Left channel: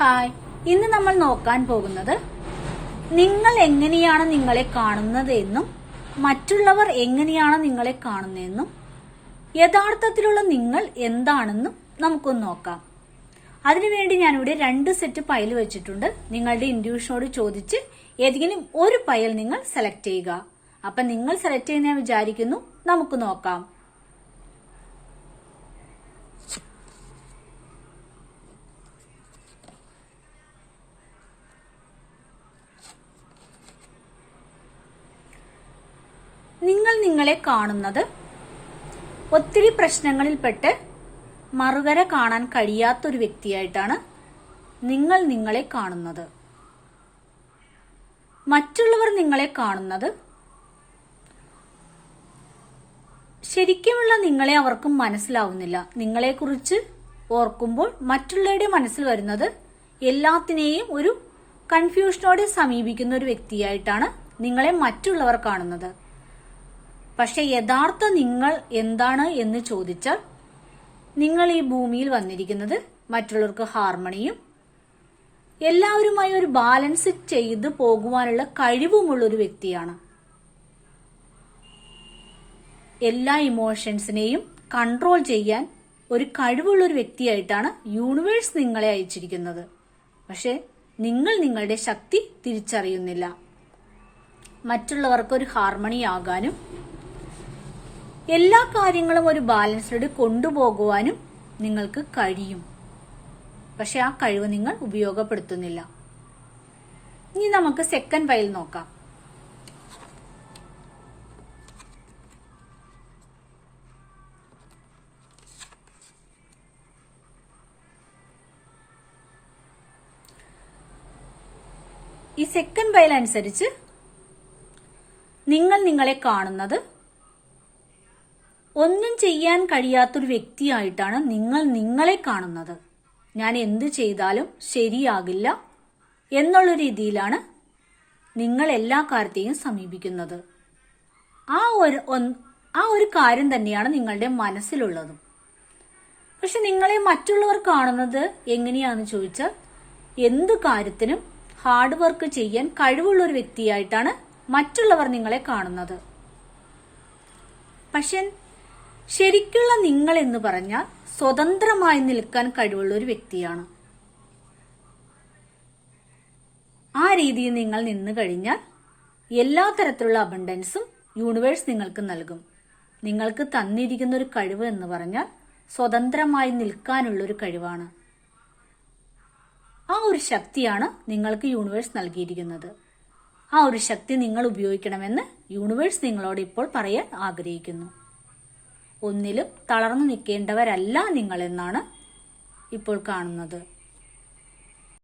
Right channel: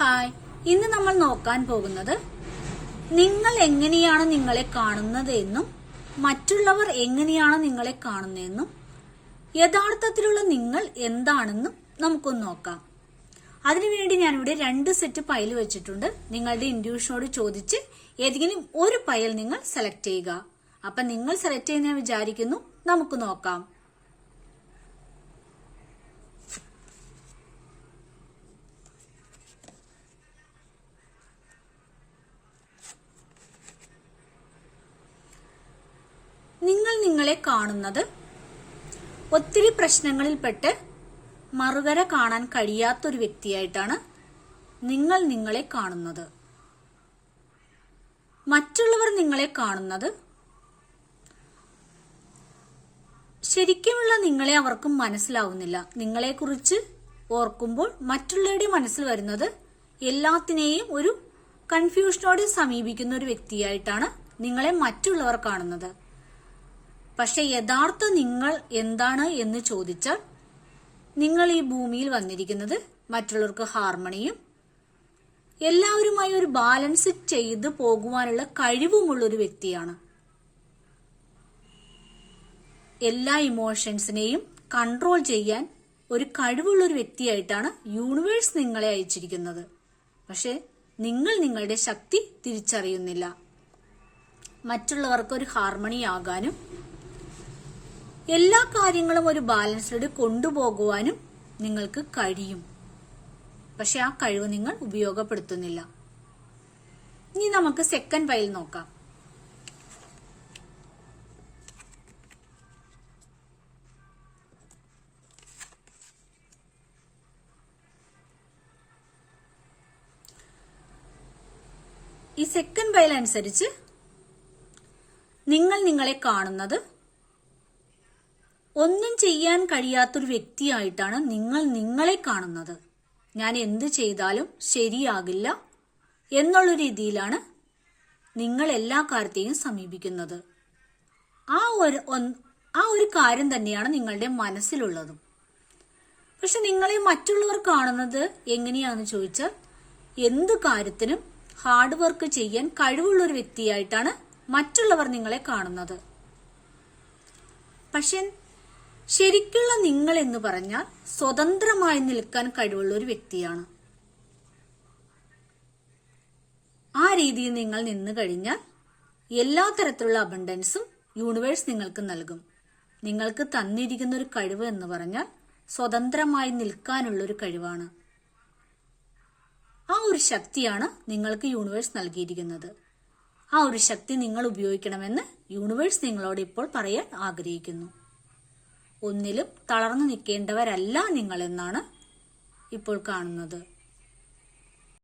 Hi, ഇന്ന് നമ്മൾ നോക്കാൻ പോകുന്നത് നിങ്ങൾ എങ്ങനെയാണ് നിങ്ങളെ കാണുന്നത് എന്നും മറ്റുള്ളവർ എങ്ങനെയാണ് നിങ്ങളെ കാണുന്നതെന്നും യഥാർത്ഥത്തിലുള്ള നിങ്ങൾ എന്താണെന്നും നമുക്കൊന്ന് നോക്കാം. അതിനുവേണ്ടി ഞാനിവിടെ 2 സെറ്റ് പയൽ വെച്ചിട്ടുണ്ട്. നിങ്ങളുടെ ഇൻഡ്യൂഷനോട് ചോദിച്ച് ഏതെങ്കിലും ഒരു പയൽ നിങ്ങൾ സെലക്ട് ചെയ്യുക. അപ്പൊ നിങ്ങൾ സെലക്ട് ചെയ്യുന്ന വിചാരിക്കുന്നു. നമുക്ക് നോക്കാം. നിങ്ങൾ നിങ്ങളെ കാണുന്നത് ഒത്തിരി പ്രശ്നങ്ങളിൽപ്പെട്ട് മറുകര കാണാൻ കഴിയാത്തൊരു വ്യക്തിയായിട്ടാണ് നിങ്ങൾ നിങ്ങളെ കാണുന്നത്. മറ്റുള്ളവർ നിങ്ങളെ കാണുന്നത് ശരിക്കുമുള്ള നിങ്ങളെ അവർക്കും മനസ്സിലാവുന്നില്ല. നിങ്ങളെക്കുറിച്ച് ഓർക്കുമ്പോൾ മറ്റുള്ളവരുടെ മനസ്സിൽ വരുന്നത് എല്ലാത്തിനെയും ഒരു കൺഫ്യൂഷനോടെ സമീപിക്കുന്ന ഒരു വ്യക്തിയായിട്ടാണ് നിങ്ങളെ മറ്റുള്ളവർ കാണുന്നത്. പക്ഷെ യഥാർത്ഥ നിങ്ങൾ എന്താണ് എന്ന് ചോദിച്ചാൽ നിങ്ങൾ ഈ ഭൂമിയിൽ വന്നിരിക്കുന്നത് മറ്റുള്ളവർക്ക് ഹാർമണിയും എല്ലാവരുമായി ഒരു ബാലൻസ് ചെയ്ത് പോകുവാനുള്ള കഴിവുമുള്ള ഒരു വ്യക്തിയാണ്. എല്ലാ ഇമോഷൻസിനെയും കൺട്രോൾ ചെയ്യാൻ ഒരു കഴിവുള്ള ഒരു വ്യക്തിയായിട്ടാണ് യൂണിവേഴ്സ് നിങ്ങളെ അയച്ചിരിക്കുന്നത്. പക്ഷെ നിങ്ങൾ നിങ്ങളുടെ ശക്തി തിരിച്ചറിയുന്നില്ല. മറ്റുള്ളവർക്ക് ഒരു ഹാർമണി ആകാനും എല്ലാ കാര്യങ്ങളും ഒരു ബാലൻസിലൂടെ കൊണ്ടുപോകുവാനും നിങ്ങൾക്ക് കഴിയും. പക്ഷെ ആ കഴിവ് നിങ്ങൾ ഉപയോഗപ്പെടുത്തുന്നില്ല. ഇനി നമുക്ക് സെക്കൻഡ് പയൽ നോക്കാം. ഈ സെക്കൻഡ് പയൽ അനുസരിച്ച് നിങ്ങൾ നിങ്ങളെ കാണുന്നത് ഒന്നും ചെയ്യാൻ കഴിയാത്തൊരു വ്യക്തിയായിട്ടാണ് നിങ്ങൾ നിങ്ങളെ കാണുന്നത്. ഞാൻ എന്ത് ചെയ്താലും ശരിയാകില്ല എന്നുള്ള രീതിയിലാണ് നിങ്ങൾ എല്ലാ കാര്യത്തെയും സമീപിക്കുന്നത്. ആ ഒരു കാര്യം തന്നെയാണ് നിങ്ങളുടെ മനസ്സിലുള്ളതും. പക്ഷെ നിങ്ങളെ മറ്റുള്ളവർ കാണുന്നത് എങ്ങനെയാണെന്ന് ചോദിച്ചാൽ എന്ത് കാര്യത്തിനും ഹാർഡ് വർക്ക് ചെയ്യാൻ കഴിവുള്ള ഒരു വ്യക്തിയായിട്ടാണ് മറ്റുള്ളവർ നിങ്ങളെ കാണുന്നത്. പക്ഷെ ശരിക്കുള്ള നിങ്ങൾ എന്ന് പറഞ്ഞാൽ സ്വതന്ത്രമായി നിൽക്കാൻ കഴിവുള്ള ഒരു വ്യക്തിയാണ്. ആ രീതിയിൽ നിങ്ങൾ നിന്നു കഴിഞ്ഞാൽ എല്ലാ തരത്തിലുള്ള അബണ്ടൻസും യൂണിവേഴ്സ് നിങ്ങൾക്ക് നൽകും. നിങ്ങൾക്ക് തന്നിരിക്കുന്ന ഒരു കഴിവ് എന്ന് പറഞ്ഞാൽ സ്വതന്ത്രമായി നിൽക്കാനുള്ള ഒരു കഴിവാണ്. ആ ഒരു ശക്തിയാണ് നിങ്ങൾക്ക് യൂണിവേഴ്സ് നൽകിയിരിക്കുന്നത്. ആ ഒരു ശക്തി നിങ്ങൾ ഉപയോഗിക്കണമെന്ന് യൂണിവേഴ്സ് നിങ്ങളോട് ഇപ്പോൾ പറയാൻ ആഗ്രഹിക്കുന്നു. ഒന്നിലും തളർന്നു നിൽക്കേണ്ടവരല്ല നിങ്ങൾ എന്നാണ് ഇപ്പോൾ കാണുന്നത്.